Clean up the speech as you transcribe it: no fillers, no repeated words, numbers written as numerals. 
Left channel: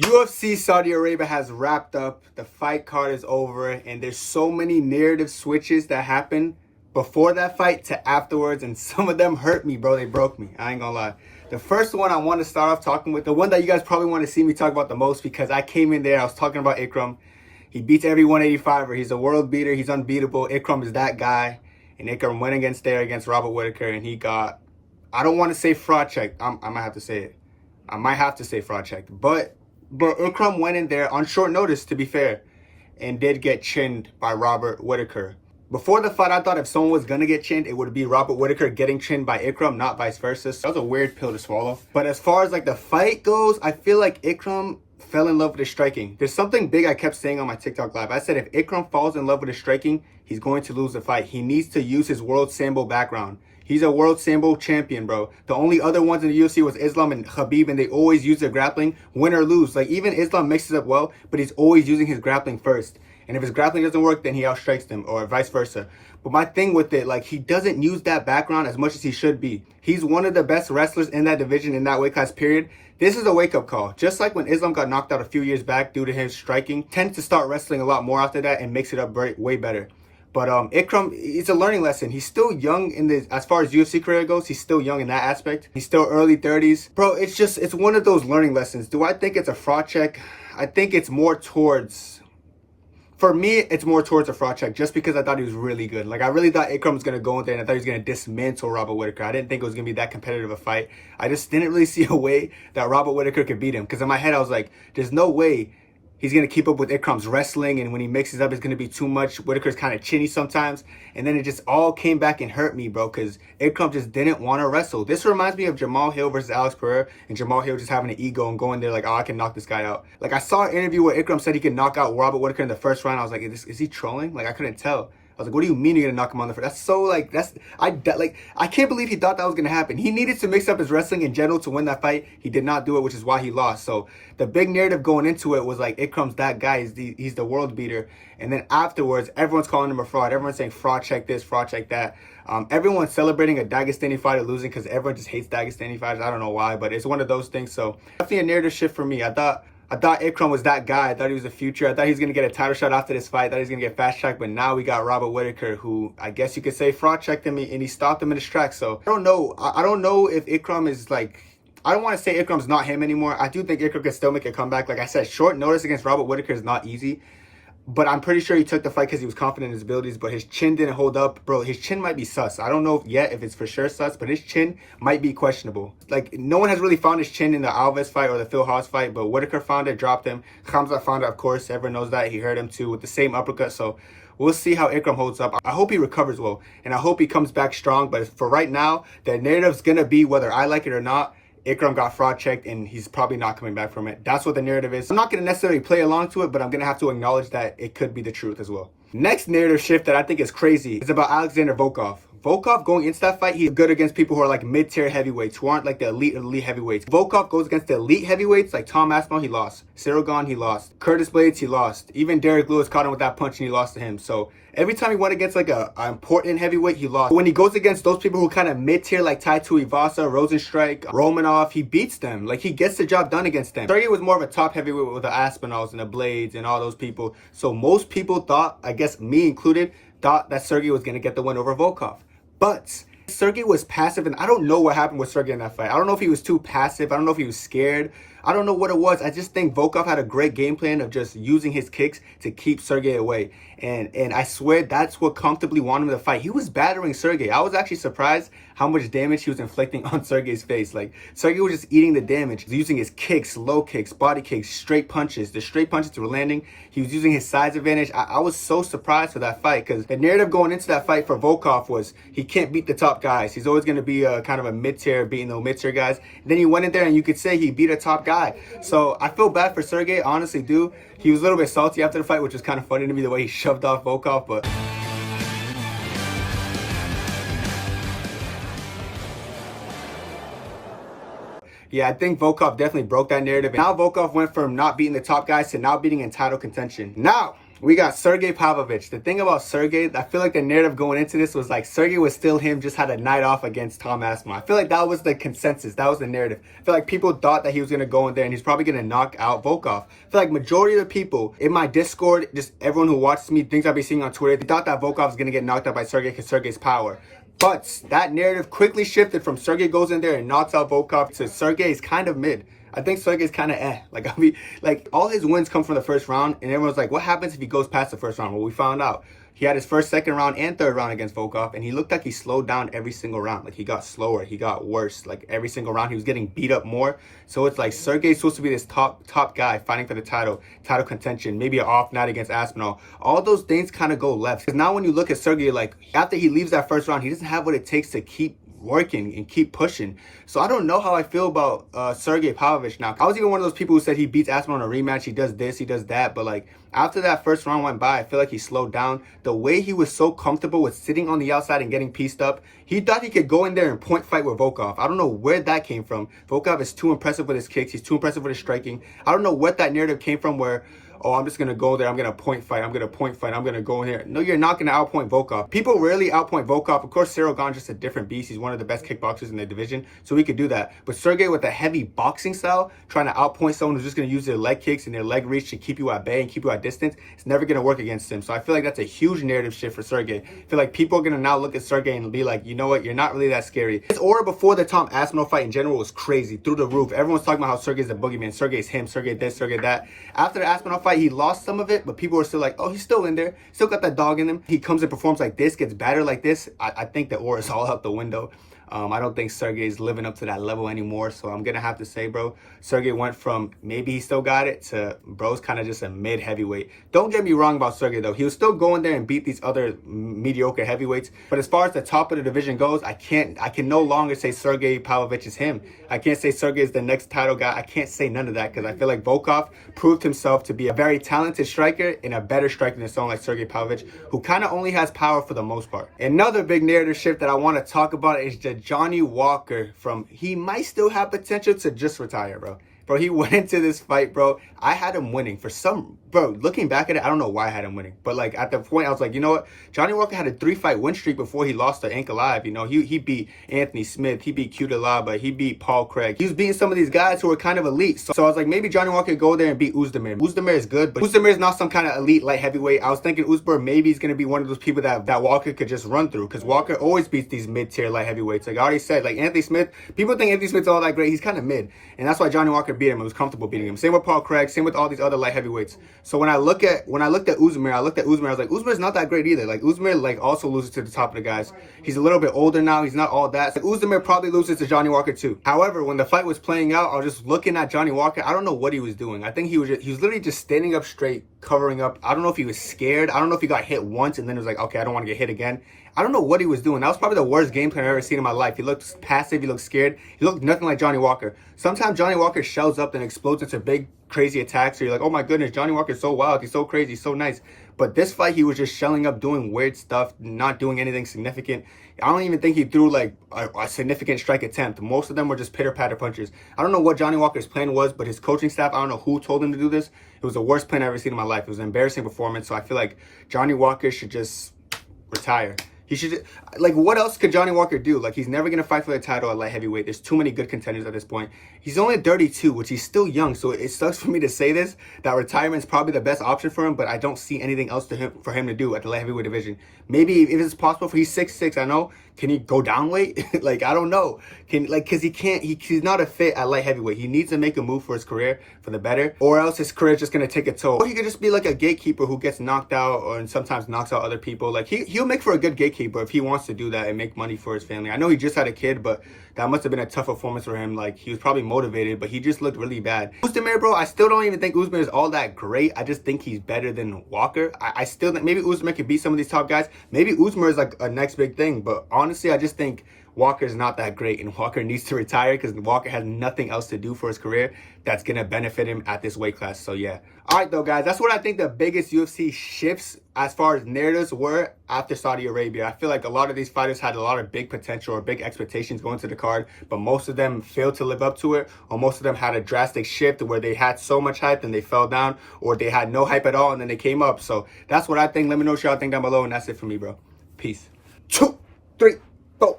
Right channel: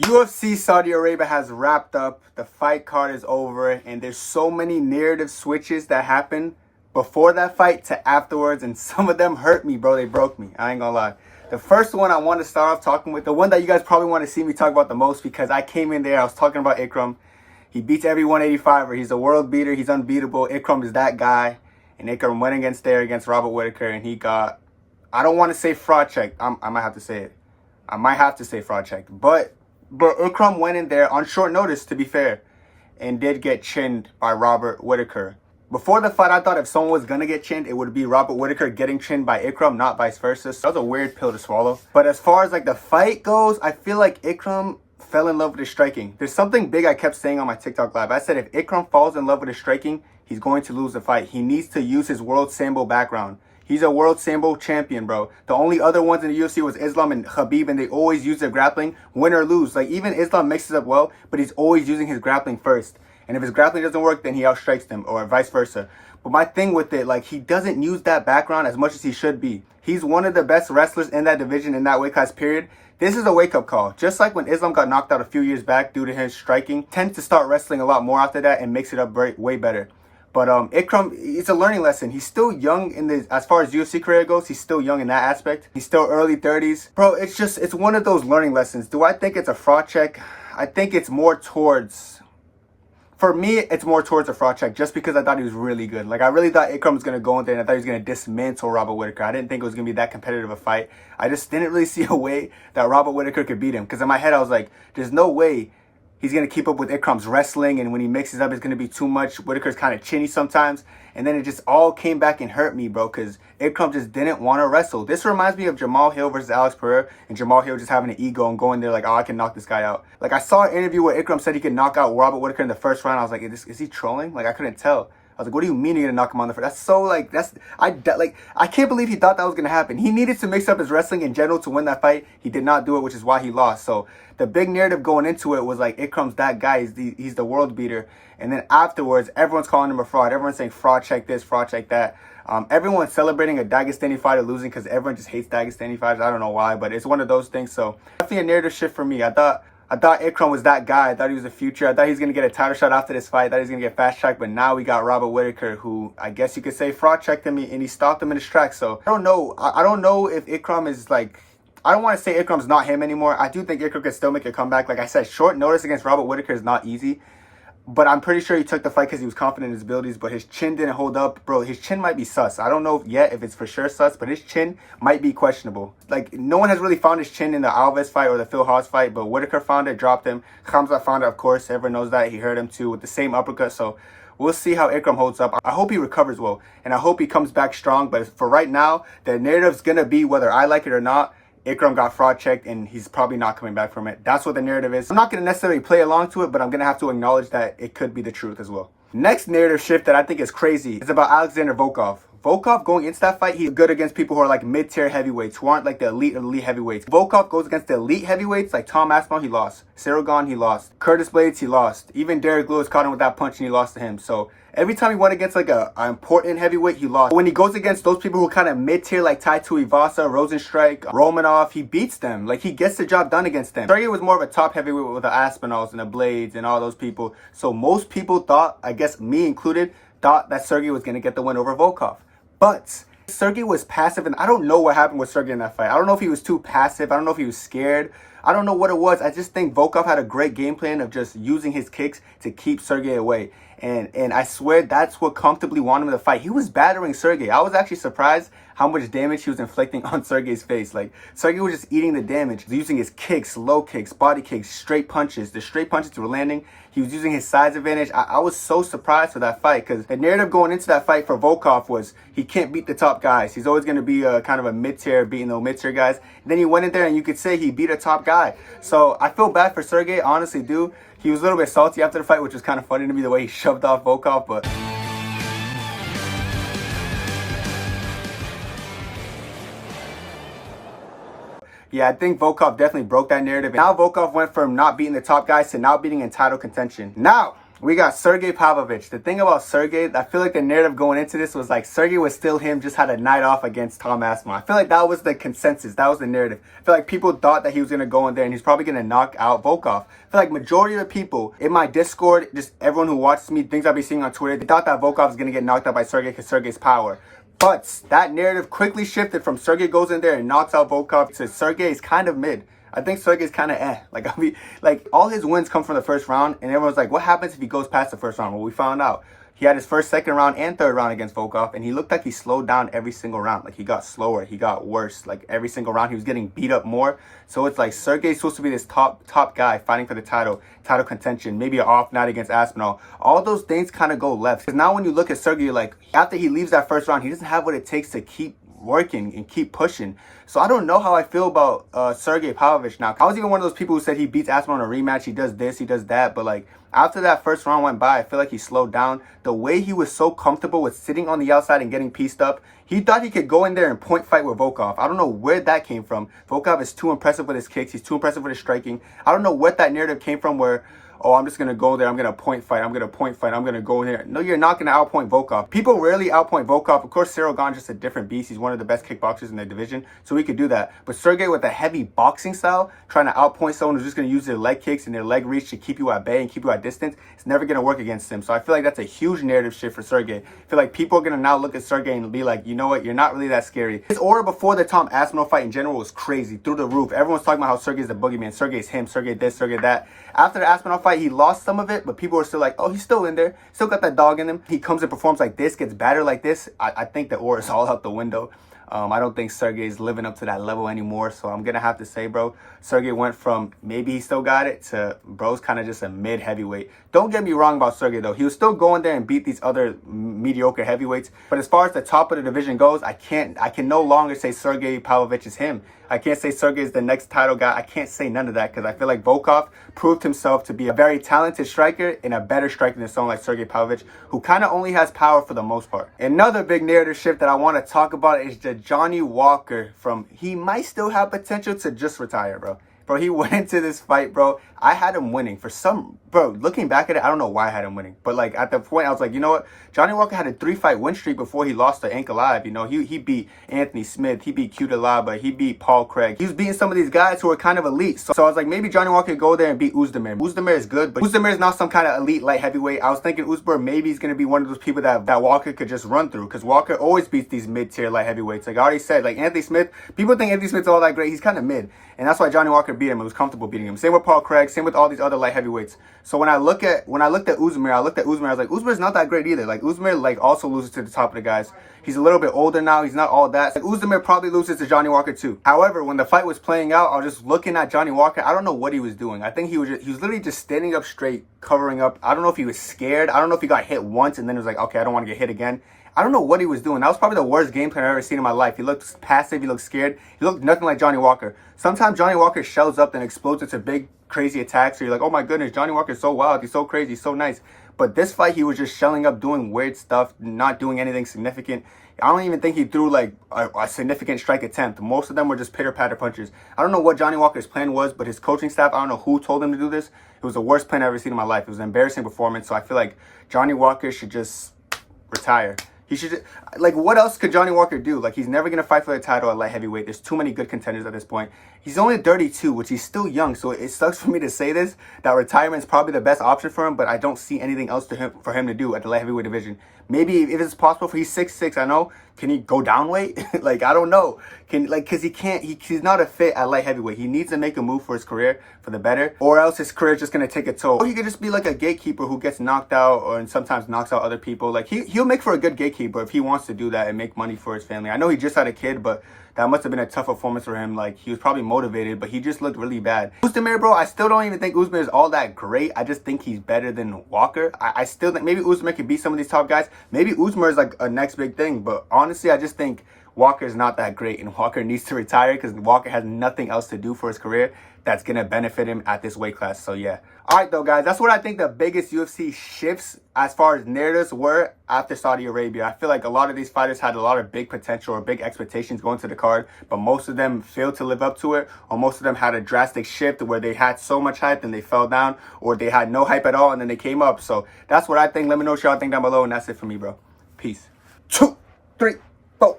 UFC Saudi Arabia has wrapped up. The fight card is over, and there's so many narrative switches that happen before that fight to afterwards, and some of them hurt me, bro. They broke me. I ain't gonna lie. The first one I want to start off talking with, the one that you guys probably want to see me talk about the most, because I came in there, I was talking about Ikram. He beats every 185er. He's a world beater. He's unbeatable. Ikram is that guy. And Ikram went against Robert Whittaker, and he got, I don't want to say fraud checked. I might have to say it. I might have to say fraud checked. But Ikram went in there on short notice, to be fair, and did get chinned by Robert Whittaker. Before the fight, I thought if someone was going to get chinned, it would be Robert Whittaker getting chinned by Ikram, not vice versa. So that was a weird pill to swallow. But as far as like the fight goes, I feel like Ikram fell in love with his striking. There's something big I kept saying on my TikTok live. I said if Ikram falls in love with his striking, he's going to lose the fight. He needs to use his world sambo background. He's a world sambo champion, bro. The only other ones in the UFC was Islam and Khabib, and they always use their grappling, win or lose. Like, even Islam mixes up well, but he's always using his grappling first. And if his grappling doesn't work, then he outstrikes them, or vice versa. But my thing with it, like, he doesn't use that background as much as he should be. He's one of the best wrestlers in that division, in that weight class, period. This is a wake-up call. Just like when Islam got knocked out a few years back due to his striking, tends to start wrestling a lot more after that and makes it up way better. But Ikram, it's a learning lesson. He's still young in the, as far as UFC career goes, he's still young in that aspect. He's still early 30s. Bro, it's one of those learning lessons. Do I think it's a fraud check? I think it's more towards, for me, it's more towards a fraud check, just because I thought he was really good. Like, I really thought Ikram was going to go in there, and I thought he was going to dismantle Robert Whittaker. I didn't think it was going to be that competitive a fight. I just didn't really see a way that Robert Whittaker could beat him. Because in my head, I was like, there's no way he's going to keep up with Ikram's wrestling, and when he mixes up, it's going to be too much. Whittaker's kind of chinny sometimes. And then it just all came back and hurt me, bro, because Ikram just didn't want to wrestle. This reminds me of Jamal Hill versus Alex Pereira, and Jamal Hill just having an ego and going there like, oh, I can knock this guy out. Like, I saw an interview where Ikram said he could knock out Robert Whittaker in the first round. I was like, is he trolling? Like, I couldn't tell. I was like, what do you mean you're going to knock him on the first? That's so, like, I can't believe he thought that was going to happen. He needed to mix up his wrestling in general to win that fight. He did not do it, which is why he lost. So the big narrative going into it was like, Ikram's that guy. He's the world beater. And then afterwards, everyone's calling him a fraud. Everyone's saying fraud check this, fraud check that. Everyone's celebrating a Dagestani fighter losing because everyone just hates Dagestani fighters. I don't know why, but it's one of those things. So definitely a narrative shift for me. I thought Ikram was that guy. I thought he was the future. I thought he was going to get a title shot after this fight. I thought he was going to get fast tracked. But now we got Robert Whittaker, who I guess you could say fraud checked him, and he stopped him in his tracks. So I don't know. I don't know if Ikram is like, I don't want to say Ikram's not him anymore. I do think Ikram could still make a comeback. Like I said, short notice against Robert Whittaker is not easy. But I'm pretty sure he took the fight because he was confident in his abilities, but his chin didn't hold up. Bro, his chin might be sus. I don't know yet if it's for sure sus, but his chin might be questionable. Like, no one has really found his chin in the Alves fight or the Phil Haas fight, but Whittaker found it, dropped him. Khamzat found it, of course. Everyone knows that. He hurt him too with the same uppercut, so we'll see how Ikram holds up. I hope he recovers well, and I hope he comes back strong, but for right now, the narrative's going to be, whether I like it or not, Ikram got fraud checked and he's probably not coming back from it. That's what the narrative is. I'm not going to necessarily play along to it, but I'm going to have to acknowledge that it could be the truth as well. Next narrative shift that I think is crazy is about Alexander Volkov. Volkov going into that fight, he's good against people who are like mid-tier heavyweights, who aren't like the elite heavyweights. Volkov goes against the elite heavyweights, like Tom Aspinall, he lost. Cyril Gane, he lost. Curtis Blades, he lost. Even Derek Lewis caught him with that punch and he lost to him. So every time he went against like an important heavyweight, he lost. But when he goes against those people who kind of mid-tier, like Tai Tuivasa, Rosenstrike, Romanov, he beats them. Like, he gets the job done against them. Sergei was more of a top heavyweight with the Aspinalls and the Blades and all those people. So most people thought, I guess me included, thought that Sergei was going to get the win over Volkov. But Sergei was passive, and I don't know what happened with Sergei in that fight. I don't know if he was too passive. I don't know if he was scared. I don't know what it was. I just think Volkov had a great game plan of just using his kicks to keep Sergei away. And I swear that's what comfortably won him the fight. He was battering Sergei. I was actually surprised how much damage he was inflicting on Sergei's face. Like, Sergei was just eating the damage, using his kicks, low kicks, body kicks, straight punches. The straight punches were landing. He was using his size advantage. I was so surprised for that fight, because the narrative going into that fight for Volkov was he can't beat the top guys. He's always going to be a kind of a mid-tier, beating the mid-tier guys. And then he went in there and you could say he beat a top guy. So I feel bad for Sergei, honestly do. He was a little bit salty after the fight, which was kind of funny to me, the way he shoved off Volkov, but yeah, I think Volkov definitely broke that narrative. Now Volkov went from not beating the top guys to now beating in title contention. Now, We got Sergei Pavlovich. The thing about Sergei, I feel like the narrative going into this was like Sergei was still him, just had a night off against Tom Aspinall. I feel like that was the consensus. That was the narrative. I feel like people thought that he was going to go in there and he's probably going to knock out Volkov. I feel like majority of the people in my Discord, just everyone who watches me, things I'll be seeing on Twitter, they thought that Volkov was going to get knocked out by Sergei because Sergei's power. But that narrative quickly shifted from Sergei goes in there and knocks out Volkov to Sergei is kind of mid. I think Sergei's kind of Like, I mean, like, all his wins come from the first round, and everyone's like, what happens if he goes past the first round? Well, we found out. He had his first, second round, and third round against Volkov, and he looked like he slowed down every single round. Like, he got slower, he got worse. Like, every single round, he was getting beat up more. So it's like Sergei's supposed to be this top guy fighting for the title contention, maybe an off night against Aspinall. All those things kind of go left. Because now when you look at Sergei, like, after he leaves that first round, he doesn't have what it takes to keep working and keep pushing. So I don't know how I feel about Sergei Pavlovich now. I was even one of those people who said he beats Aspinall in a rematch, he does this, he does that, but like after that first round went by, I feel like he slowed down. The way he was so comfortable with sitting on the outside and getting pieced up, he thought he could go in there and point fight with Volkov. I don't know where that came from. Volkov is too impressive with his kicks, he's too impressive with his striking. I don't know what that narrative came from where, oh, I'm just going to go there, I'm going to point fight, I'm going to go in here. No, you're not going to outpoint Volkov. People rarely outpoint Volkov. Of course, Cyril Gane's just a different beast. He's one of the best kickboxers in the division, so he could do that. But Sergei with a heavy boxing style, trying to outpoint someone who's just going to use their leg kicks and their leg reach to keep you at bay and keep you at distance, it's never going to work against him. So I feel like that's a huge narrative shift for Sergei. I feel like people are going to now look at Sergei and be like, you know what, you're not really that scary. His aura before the Tom Aspinall fight in general was crazy, through the roof. Everyone's talking about how Sergei's a boogeyman, Sergei's him, Sergei this, Sergei that. After the Aspinall fight, he lost some of it, but people are still like, oh, he's still in there, still got that dog in him. He comes and performs like this, gets battered like this. I think the aura is all out the window. I don't think Sergei's living up to that level anymore. So I'm gonna have to say, bro, Sergei went from maybe he still got it to bro's kind of just a mid heavyweight. Don't get me wrong about Sergei though. He was still going there and beat these other mediocre heavyweights. But as far as the top of the division goes, I can no longer say Sergei Pavlovich is him. I can't say Sergei is the next title guy. I can't say none of that because I feel like Volkov proved himself to be a very talented striker and a better striker than someone like Sergei Pavlovich, who kind of only has power for the most part. Another big narrative shift that I want to talk about is the Johnny Walker he might still have potential to just retire, bro. Bro, he went into this fight, bro. I had him winning for some, bro, looking back at it, I don't know why I had him winning. But like at the point, I was like, you know what? Johnny Walker had a 3-fight win streak before he lost to Ankalaev. You know, he beat Anthony Smith, he beat Cutelaba, he beat Paul Craig. He was beating some of these guys who were kind of elite. So I was like, maybe Johnny Walker could go there and beat Oezdemir. Oezdemir is good, but Oezdemir is not some kind of elite light heavyweight. I was thinking Oezdemir maybe he's going to be one of those people that Walker could just run through, because Walker always beats these mid-tier light heavyweights. Like I already said, like Anthony Smith, people think Anthony Smith's all that great. He's kind of mid. And that's why Johnny Walker beat him. It was comfortable beating him. Same with Paul Craig, same with all these other light heavyweights. So when I looked at Oezdemir, I was like, Oezdemir's not that great either. Like Oezdemir like also loses to the top of the guys. He's a little bit older now. He's not all that. Like Oezdemir probably loses to Johnny Walker too. However, when the fight was playing out, I was just looking at Johnny Walker. I don't know what he was doing. I think he was literally just standing up straight, covering up. I don't know if he was scared. I don't know if he got hit once and then it was like, okay, I don't want to get hit again. I don't know what he was doing. That was probably the worst game plan I've ever seen in my life. He looked passive. He looked scared. He looked nothing like Johnny Walker. Sometimes Johnny Walker shells up and explodes into big, crazy attacks. So you're like, oh my goodness, Johnny Walker's so wild. He's so crazy. He's so nice. But this fight, he was just shelling up, doing weird stuff, not doing anything significant. I don't even think he threw like a significant strike attempt. Most of them were just pitter-patter punches. I don't know what Johnny Walker's plan was, but his coaching staff, I don't know who told him to do this. It was the worst plan I've ever seen in my life. It was an embarrassing performance. So I feel like Johnny Walker should just retire. He should, like, what else could Johnny Walker do? Like, he's never going to fight for the title at light heavyweight. There's too many good contenders at this point. He's only 32, which he's still young. So it sucks for me to say this, that retirement is probably the best option for him, but I don't see anything else for him to do at the light heavyweight division. Maybe if it's possible for he's 6'6", I know. Can he go down weight? Like, I don't know. Because he's not a fit at light heavyweight. He needs to make a move for his career for the better, or else his career is just going to take a toll. Or he could just be like a gatekeeper who gets knocked out and sometimes knocks out other people. Like, he'll make for a good gatekeeper if he wants to do that and make money for his family. I know he just had a kid, but that must have been a tough performance for him. Like, he was probably motivated, but he just looked really bad. Oezdemir, bro, I still don't even think Oezdemir is all that great. I just think he's better than Walker. I still think maybe Oezdemir could beat some of these top guys. Maybe Oezdemir is like a next big thing, but honestly, I just think Walker's not that great, and Walker needs to retire because Walker has nothing else to do for his career that's going to benefit him at this weight class. So, yeah. All right, though, guys, that's what I think the biggest UFC shifts as far as narratives were after Saudi Arabia. I feel like a lot of these fighters had a lot of big potential or big expectations going to the card, but most of them failed to live up to it, or most of them had a drastic shift where they had so much hype and they fell down, or they had no hype at all and then they came up. So that's what I think. Let me know what y'all think down below, and that's it for me, bro. Peace. 2, 3, 4.